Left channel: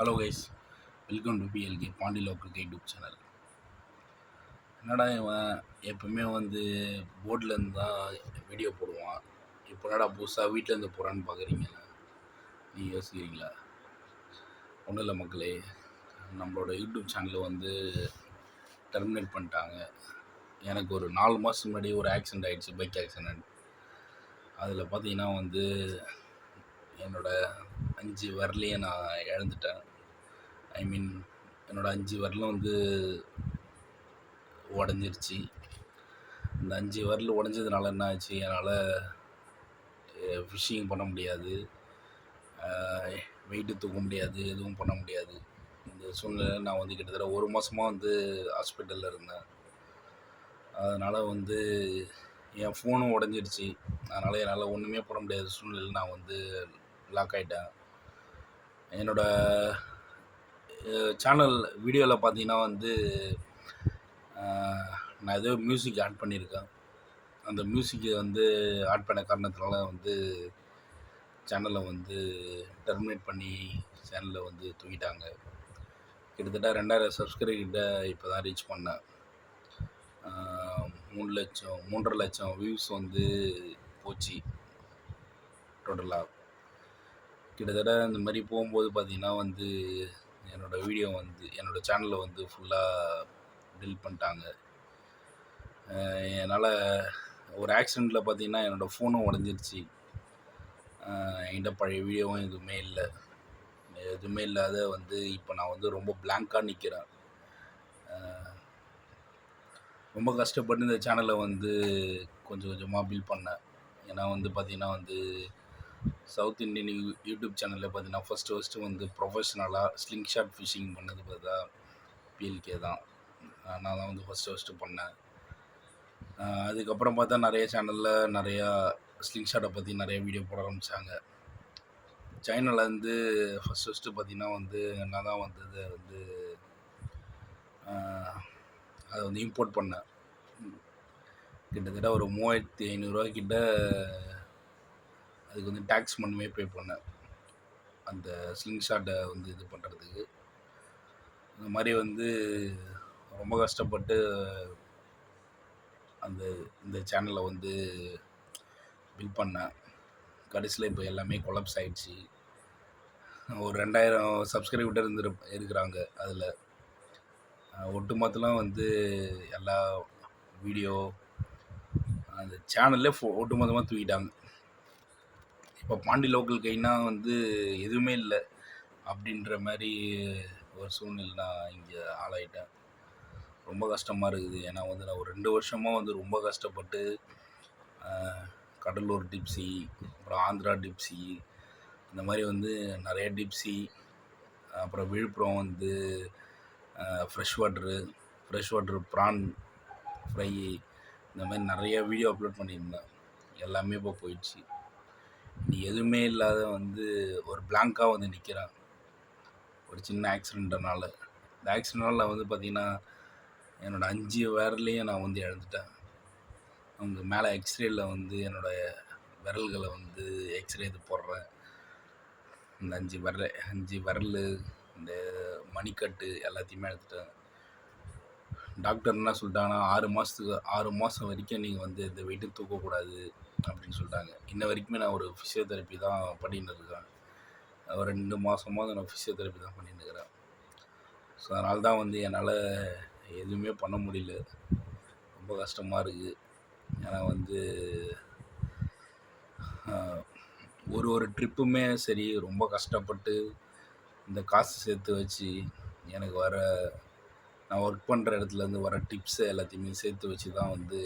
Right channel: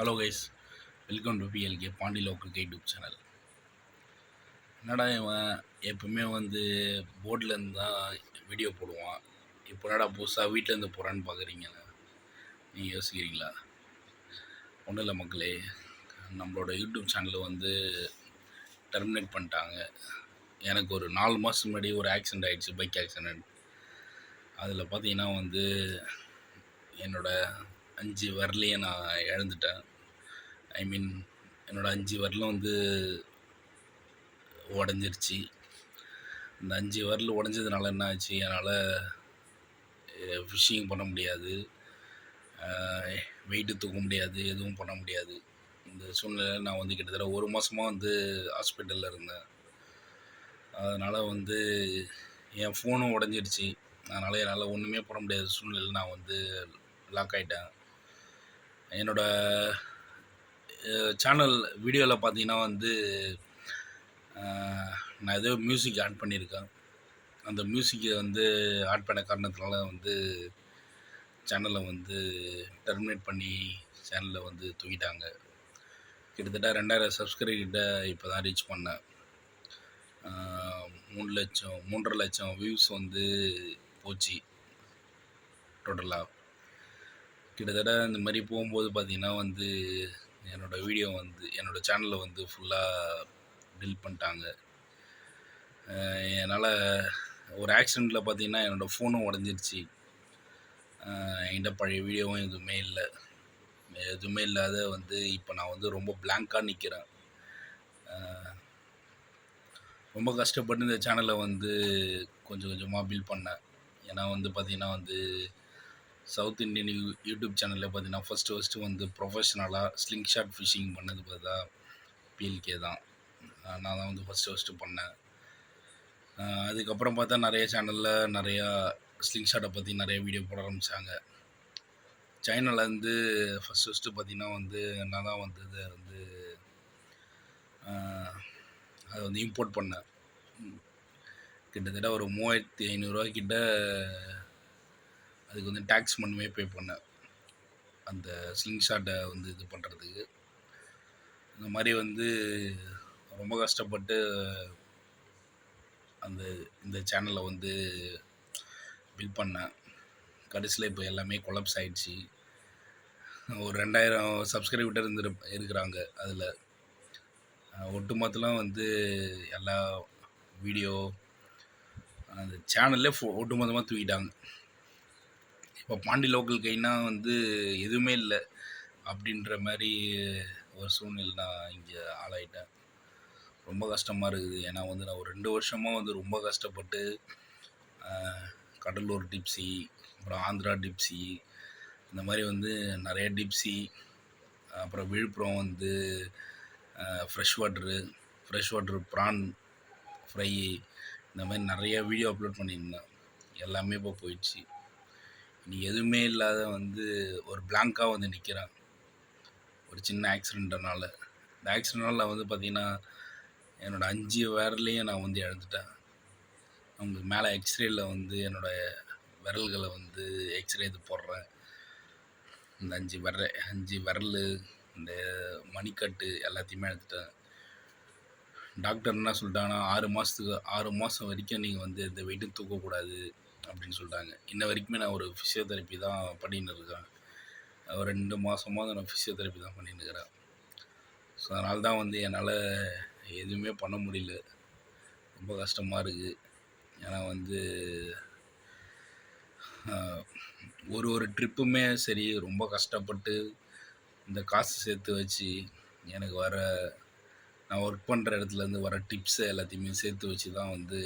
Hello guys, welcome to PLK Pandi local YouTube channel. என்னடா இவன் எப்பவுமே வந்து போர்டில் இருந்து தான் வீடியோ போடுவான், இப்போ என்னடா புதுசாக வீட்டிலேருந்து போகிறான்னு பார்க்குறீங்க, நீங்கள் யோசிக்கிறீங்களா? ஒன்றும் இல்லை மக்களே, நம்மளோட யூடியூப் சேனலை வந்து டெர்மினேட் பண்ணிட்டாங்க. எனக்கு ஒரு 4 மாதத்துக்கு முன்னாடி ஒரு ஆக்சிடெண்ட் ஆகிடுச்சு, பைக் ஆக்சிடெண்ட். அதில் பார்த்தீங்கன்னா வந்து என்னோடய 5 விரலையும் நான் இழந்துட்டேன். ஐ மீன் என்னோடய 5 விரலும் வந்து உடஞ்சிருச்சு. இந்த 5 விரல் உடஞ்சதுனால என்ன ஆச்சு, என்னால் ஃபிஷ்ஷிங் பண்ண முடியாது, வெயிட்டு தூக்க முடியாது, எதுவும் பண்ண முடியாது. இந்த சூழ்நிலையில் நான் வந்து கிட்டத்தட்ட 1 மாதமாக வந்து ஹாஸ்பிட்டலில் இருந்தேன். அதனால் வந்து என் ஃபோனும் உடஞ்சிடுச்சு. அதனால் என்னால் ஒன்றுமே பண்ண முடியாத சூழ்நிலையில் நான் வந்து லாக் ஆகிட்டேன். என்னோடய சேனல் வீடியோவில் பார்த்தீங்கன்னா வந்து நான் ஏதோ மியூசிக் ஆட் பண்ணியிருக்கேன். அந்த மியூசிக்கை வந்து ஆட் பண்ண காரணத்தினால வந்து சேனலை வந்து டெர்மினேட் பண்ணி சேனலை வந்து தூக்கிட்டாங்க. கிட்டத்தட்ட 2000 சப்ஸ்கிரைபர் கிட்ட இப்போ தான் ரீச் பண்ணேன். 3 லட்சம் வியூஸ் வந்து போச்சு டோட்டலாக. கிட்டத்தட்ட இந்த மாதிரி போகும்போது பார்த்திங்கன்னா வந்து என்னோடய வீடியோ வந்து என்னோடய சேனலை வந்து ஃபுல்லாக டெலீட் பண்ணிட்டாங்க. என்னால் ஒரு ஆக்சிடெண்ட்டில் பார்த்திங்கன்னா என்னோடய ஃபோனும் உடஞ்சிருச்சு. என்கிட்ட பழைய வீடியோவும் எதுவுமே இல்லாத வந்து இப்போ நான் வந்து ரொம்ப பிளாங்காக நிற்கிறேன். ரொம்ப கஷ்டப்பட்டு இந்த சேனலை வந்து கொஞ்சம் கொஞ்சமாக பில்ட் பண்ணேன். ஏன்னா வந்து பார்த்திங்கன்னா வந்து சவுத் இண்டியன் யூடியூப் சேனலில் பார்த்திங்கன்னா ஃபஸ்ட்டு வந்து ப்ரொஃபஷ்னலாக ஸ்லிங் ஷாட் ஃபிஷிங் பண்ணது பார்த்தா பிஎல்கே தான். நான் தான் வந்து ஃபஸ்ட்டு பண்ணேன். அதுக்கப்புறம் பார்த்தா நிறைய சேனலில் நிறையா ஸ்லிங் ஷாட்டை பற்றி நிறைய வீடியோ போட ஆரம்பித்தாங்க. சைனாவில் வந்து ஃபஸ்ட்டு பார்த்திங்கன்னா வந்து நான் தான் வந்து அதை வந்து இம்போர்ட் பண்ணேன். கிட்டத்தட்ட ஒரு 3500 கிட்ட அதுக்கு வந்து டேக்ஸ் மட்டுமே பே பண்ணேன், அந்த ஸ்லிங் ஷாட்டை வந்து இது பண்ணுறதுக்கு. இந்த மாதிரி வந்து ரொம்ப கஷ்டப்பட்டு இந்த சேனலை வந்து பில்ட் பண்ணேன். கடைசியில் இப்போ எல்லாமே கொலாப்ஸ் ஆகிடுச்சு. ஒரு 2000 சப்ஸ்கிரைபர் இருக்கிறாங்க. அதில் ஒட்டுமொத்தலாம் வந்து எல்லா வீடியோ அந்த சேனல்லே ஒட்டுமொத்தமாக தூக்கிட்டாங்க. இப்போ பாண்டி லோக்கல் கைனா வந்து எதுவுமே இல்லை அப்படின்ற மாதிரி ஒரு சூழ்நிலை நான் இங்கே ஆளாயிட்டேன். ரொம்ப கஷ்டமாக இருக்குது. ஏன்னா வந்து நான் ஒரு 2 வருஷமாக வந்து ரொம்ப கஷ்டப்பட்டு கடலூர் டிப்ஸி, அப்புறம் ஆந்திரா டிப்ஸி, இந்த மாதிரி வந்து நிறைய டிப்ஸி, அப்புறம் விழுப்புரம் வந்து ஃப்ரெஷ் வாட்டரு ப்ரான் ஃப்ரை, இந்த மாதிரி நிறைய வீடியோ அப்லோட் பண்ணியிருந்தேன். எல்லாமே இப்போ போயிடுச்சு. நீ எதுவுமே இல்லாத வந்து ஒரு பிளாங்காக வந்து நிற்கிறேன் ஒரு சின்ன ஆக்சிடெண்ட்னால. இந்த ஆக்சிடெண்ட்னால நான் வந்து பார்த்திங்கன்னா என்னோடய 5 விரலையும் நான் வந்து இழந்துட்டேன். அவங்க மேலே எக்ஸ்ரேயில் வந்து என்னோடய விரல்களை வந்து எக்ஸ்ரே இது போடுறேன். இந்த 5 விரல் இந்த மணிக்கட்டு எல்லாத்தையுமே எடுத்துட்டேன். டாக்டர் என்ன சொல்லிட்டாங்கன்னா 6 மாதம் வரைக்கும் நீங்கள் வந்து இந்த வெயிட்டும் தூக்கக்கூடாது அப்படின்னு சொல்லிட்டாங்க. இன்ன வரைக்குமே நான் ஒரு ஃபிசியோதெரப்பி தான் பண்ணின்னு இருக்கேன். ஒரு 2 மாதமாக நான் ஃபிசியோதெரப்பி தான் பண்ணின்னு இருக்கிறேன். ஸோ அதனால தான் வந்து என்னால் எதுவுமே பண்ண முடியல. ரொம்ப கஷ்டமாக இருக்குது. ஏன்னா வந்து ஒரு ட்ரிப்புமே சரி ரொம்ப கஷ்டப்பட்டு இந்த காசு சேர்த்து வச்சு எனக்கு நான் ஒர்க் பண்ணுற இடத்துலேருந்து வர டிப்ஸை எல்லாத்தையுமே சேர்த்து வச்சு தான் வந்து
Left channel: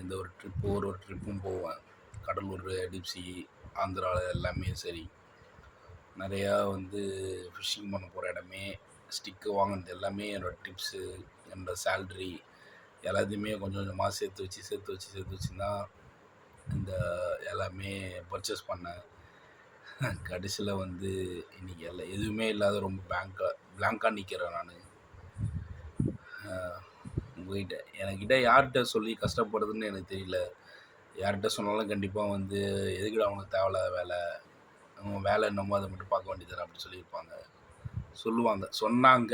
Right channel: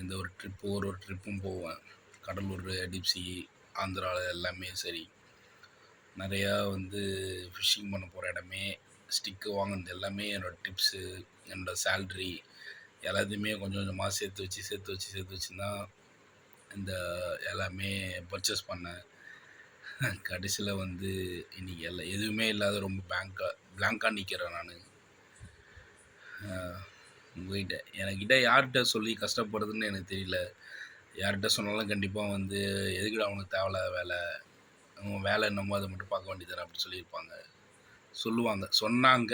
இந்த ஒரு ட்ரிப்பும் போவேன். கடலூர் டிப்ஸி, ஆந்திராவில் எல்லாமே சரி, நிறையா வந்து ஃபிஷ்ஷிங் பண்ண போகிற இடமே, ஸ்டிக்கு வாங்கினது எல்லாமே என்னோடய டிப்ஸு, என்னோடய சேல்ரி எல்லாத்தையுமே கொஞ்சம் கொஞ்சமாக சேர்த்து வச்சு தான் இந்த எல்லாமே பர்ச்சேஸ் பண்ணேன். கடைசியில் வந்து இன்றைக்கி எதுவுமே இல்லாத ரொம்ப பிளாங்காக நிற்கிறேன் நான் உங்கள்கிட்ட. என்கிட்ட யார்கிட்ட சொல்லி கஷ்டப்படுறதுன்னு எனக்கு தெரியல. யார்கிட்ட சொன்னாலும் கண்டிப்பாக வந்து எதுக்குடா அவனுக்கு தேவையில்லாத வேலை, உன் வேலை என்னமோ அதை மட்டும் பார்க்க வேண்டியது அப்படி சொல்லியிருப்பாங்க, சொன்னாங்க.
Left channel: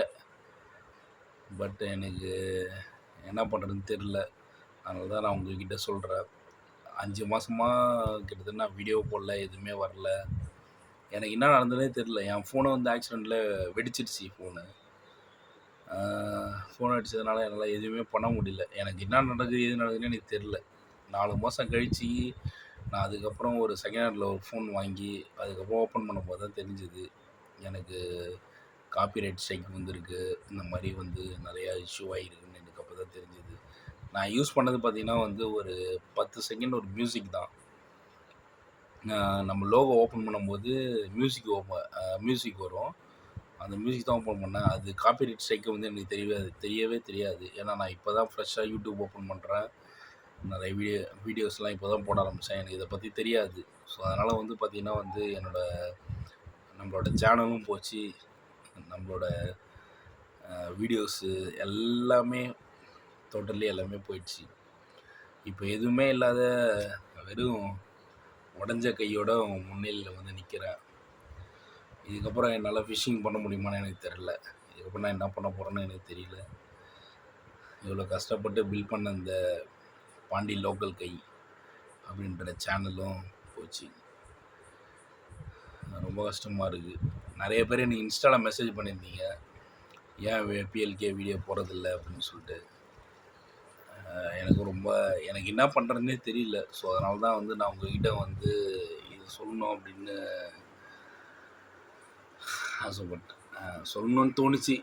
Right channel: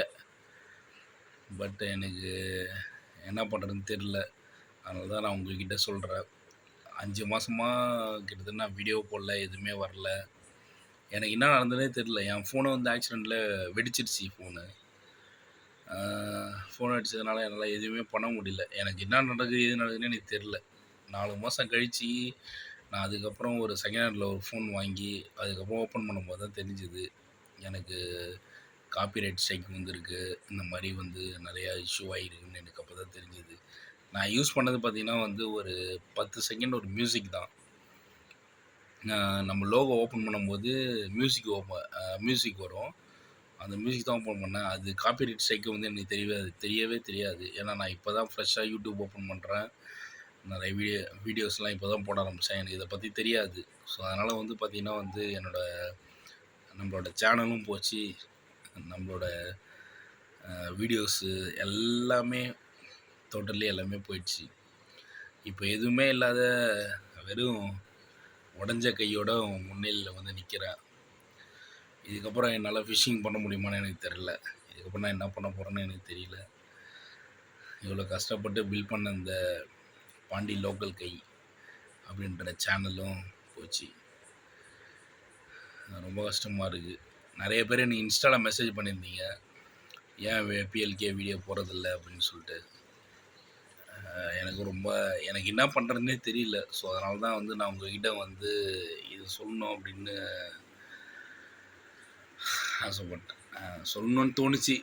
பட் எனக்கு என்ன பண்ணுறதுன்னு தெரில. அதனால தான் நான் உங்ககிட்ட சொல்கிறேன். 5 மாதமா கிட்டத்தட்ட நான் வீடியோ போடல, எதுவுமே வரல. எனக்கு என்ன நடந்ததுனே தெரில. என் ஃபோனை வந்து ஆக்சிடெண்ட்டில் வெடிச்சிடுச்சு ஃபோனு. ஃபோன் அடித்ததுனால என்னால் எதுவுமே பண்ண முடியல. எனக்கு என்ன நடக்குது எது நடக்குதுன்னு எனக்கு தெரில. 4 மாதம் கழித்து நான் அதுக்கப்புறம் ஒரு செகண்ட் ஹேண்டில் ஒரு ஃபோன் வாங்கி அதுக்கப்புறம் ஓப்பன் பண்ணும்போது தான் தெரிஞ்சுது எனக்கு காப்பிரைட் ஸ்ட்ரைக் வந்திருக்கு. இந்த மாதிரி வந்து நிறையா இஷ்யூ ஆகிருக்குன்னு எனக்கு அப்போ தான் தெரிஞ்சுது. நான் யூஸ் பண்ணது பார்த்திங்கன்னா வந்து ஒரு 10 செகண்ட் ஒரு மியூசிக் தான். நம்ம லோகோ ஓப்பன் பண்ணும்போது மியூசிக் வரும். அந்த மியூசிக் தான் ஓப்பன் பண்ணேன். அது காப்பிரைட் ஸ்ட்ரைக் வந்து எனக்கு தெரியவே தெரியாது. ஏன்னா நான் இப்போ தான் ஃப்ரெஷ்ஷாக யூடியூப் ஓப்பன் பண்ணுறேன். நிறைய வீடியோஸ்லாம் இப்போ தான் போட ஆரம்பித்தேன். எனக்கு இதை பற்றி தெரியாது. ஸோ அதனால் வந்து பார்த்திங்கன்னா வந்து நம்மளோட சேனலும் போச்சு. நம்மளோட வீடியோஸு எல்லாமே டோட்டலி எல்லாமே போயிடுச்சு. இப்போ எதுவுமே இல்லாத வெறும் உடஞ்ச கையோட முன்னிலையில் வந்து நிற்கிறேன். இதுக்கப்புறம் என்னால் ஃபிஷ்ஷிங் பண்ண முடியுமான்னு எனக்கு தெரியல. இதுக்கப்புறம் நான் என்ன பண்ண போகிறேன்னு எனக்கு தெரியல. இவ்வளோ கஷ்டப்பட்டு பில்ட் பண்ண இந்த பாண்டி லோக்கல் கை அப்படின்ற சேனலும் போச்சு. ரொம்ப கஷ்டமாக இருக்குது. நிறைய பேர் எனக்கு இன்ஸ்டாவில் மெசேஜ் பண்ணியிருந்தீங்க, ஏன் பிஎல்கே வீடியோ போடுறதில்ல அப்படின்னு சொல்லிட்டு. எனக்கு என்ன பண்ணுறதுனே தெரியல. ஸோ அதனால தான் வந்து நான் உங்ககிட்ட வந்து இது சொல்லணும் அப்படின்னு ஆசைப்பட்டேன். சொல்லணுன்னு தோணுச்சு.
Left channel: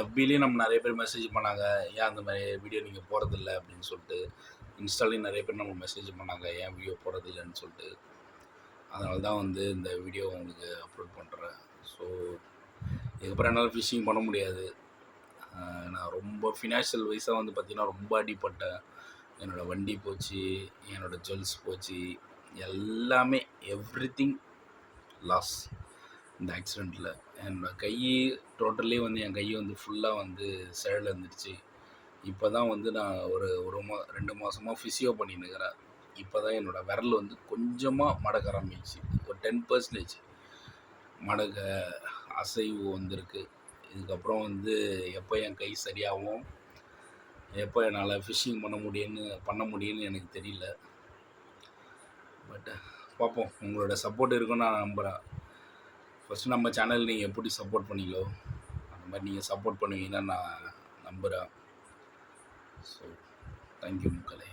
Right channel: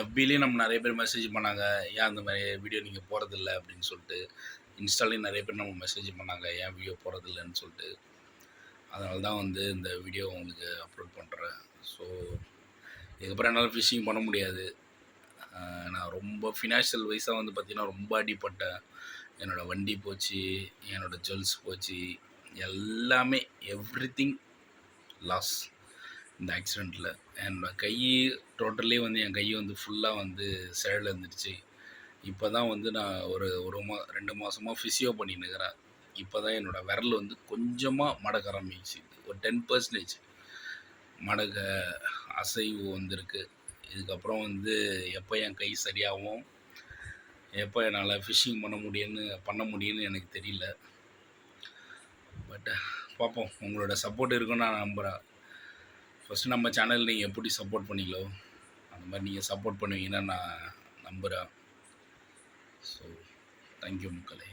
எஃபிலையும் நம்ம நிறைய பேர் மெசேஜ் பண்ணாங்க, ஏன் அந்த மாதிரி வீடியோ நீங்கள் போகிறதில்ல அப்படின்னு சொல்லிட்டு. இன்ஸ்டாலையும் நிறைய பேர் நம்ம மெசேஜ் பண்ணாங்க, ஏன் வீடியோ போகிறதில்லன்னு சொல்லிட்டு. அதனால தான் வந்து இந்த வீடியோ உங்களுக்கு அப்லோட் பண்ணுறேன். ஸோ இதுக்கப்புறம் என்னால் ஃபிஷ்ஷிங் பண்ண முடியாது. நான் ரொம்ப ஃபினான்ஷியல் வைஸாக வந்து பார்த்திங்கன்னா ரொம்ப அடிப்பட்டேன். என்னோடய வண்டி போச்சு, என்னோடய ஜுவல்ஸ் போச்சு, எல்லாமே எவ்ரிதிங் லாஸ் இந்த ஆக்சிடெண்ட்டில். என்னோடய கை டோட்டலி வந்து என் கை வந்து ஃபுல்லாக வந்து செயலில் இருந்துடுச்சு. இப்போ தான் வந்து நான் ஒரு 2 மாதமாக ஃபிசியோ பண்ணின்னுக்கிறேன். இப்போ தான் என்னோடய விரல் வந்து கொஞ்சமாக மடக்க ஆரம்பிச்சு, ஒரு 10% மடக்க அசைவு வந்திருக்கு. இதுக்கப்புறம் வந்து எப்போ என் கை சரியாகும், எப்போ என்னால் ஃபிஷ்ஷிங் பண்ண முடியும்னு எனக்கு தெரியல. பட் பார்ப்போம். உங்களோட சப்போர்ட் இருக்குன்னு நான் நம்புகிறேன். ஃபஸ்ட்டு நம்ம சேனல் நீங்கள் எப்படி சப்போர்ட் பண்ணீங்களோ அந்த மாதிரி நீங்கள் சப்போர்ட் பண்ணுவீங்கன்னு நான் நம்புகிறேன். ஸோ தேங்க்யூ மக்களே.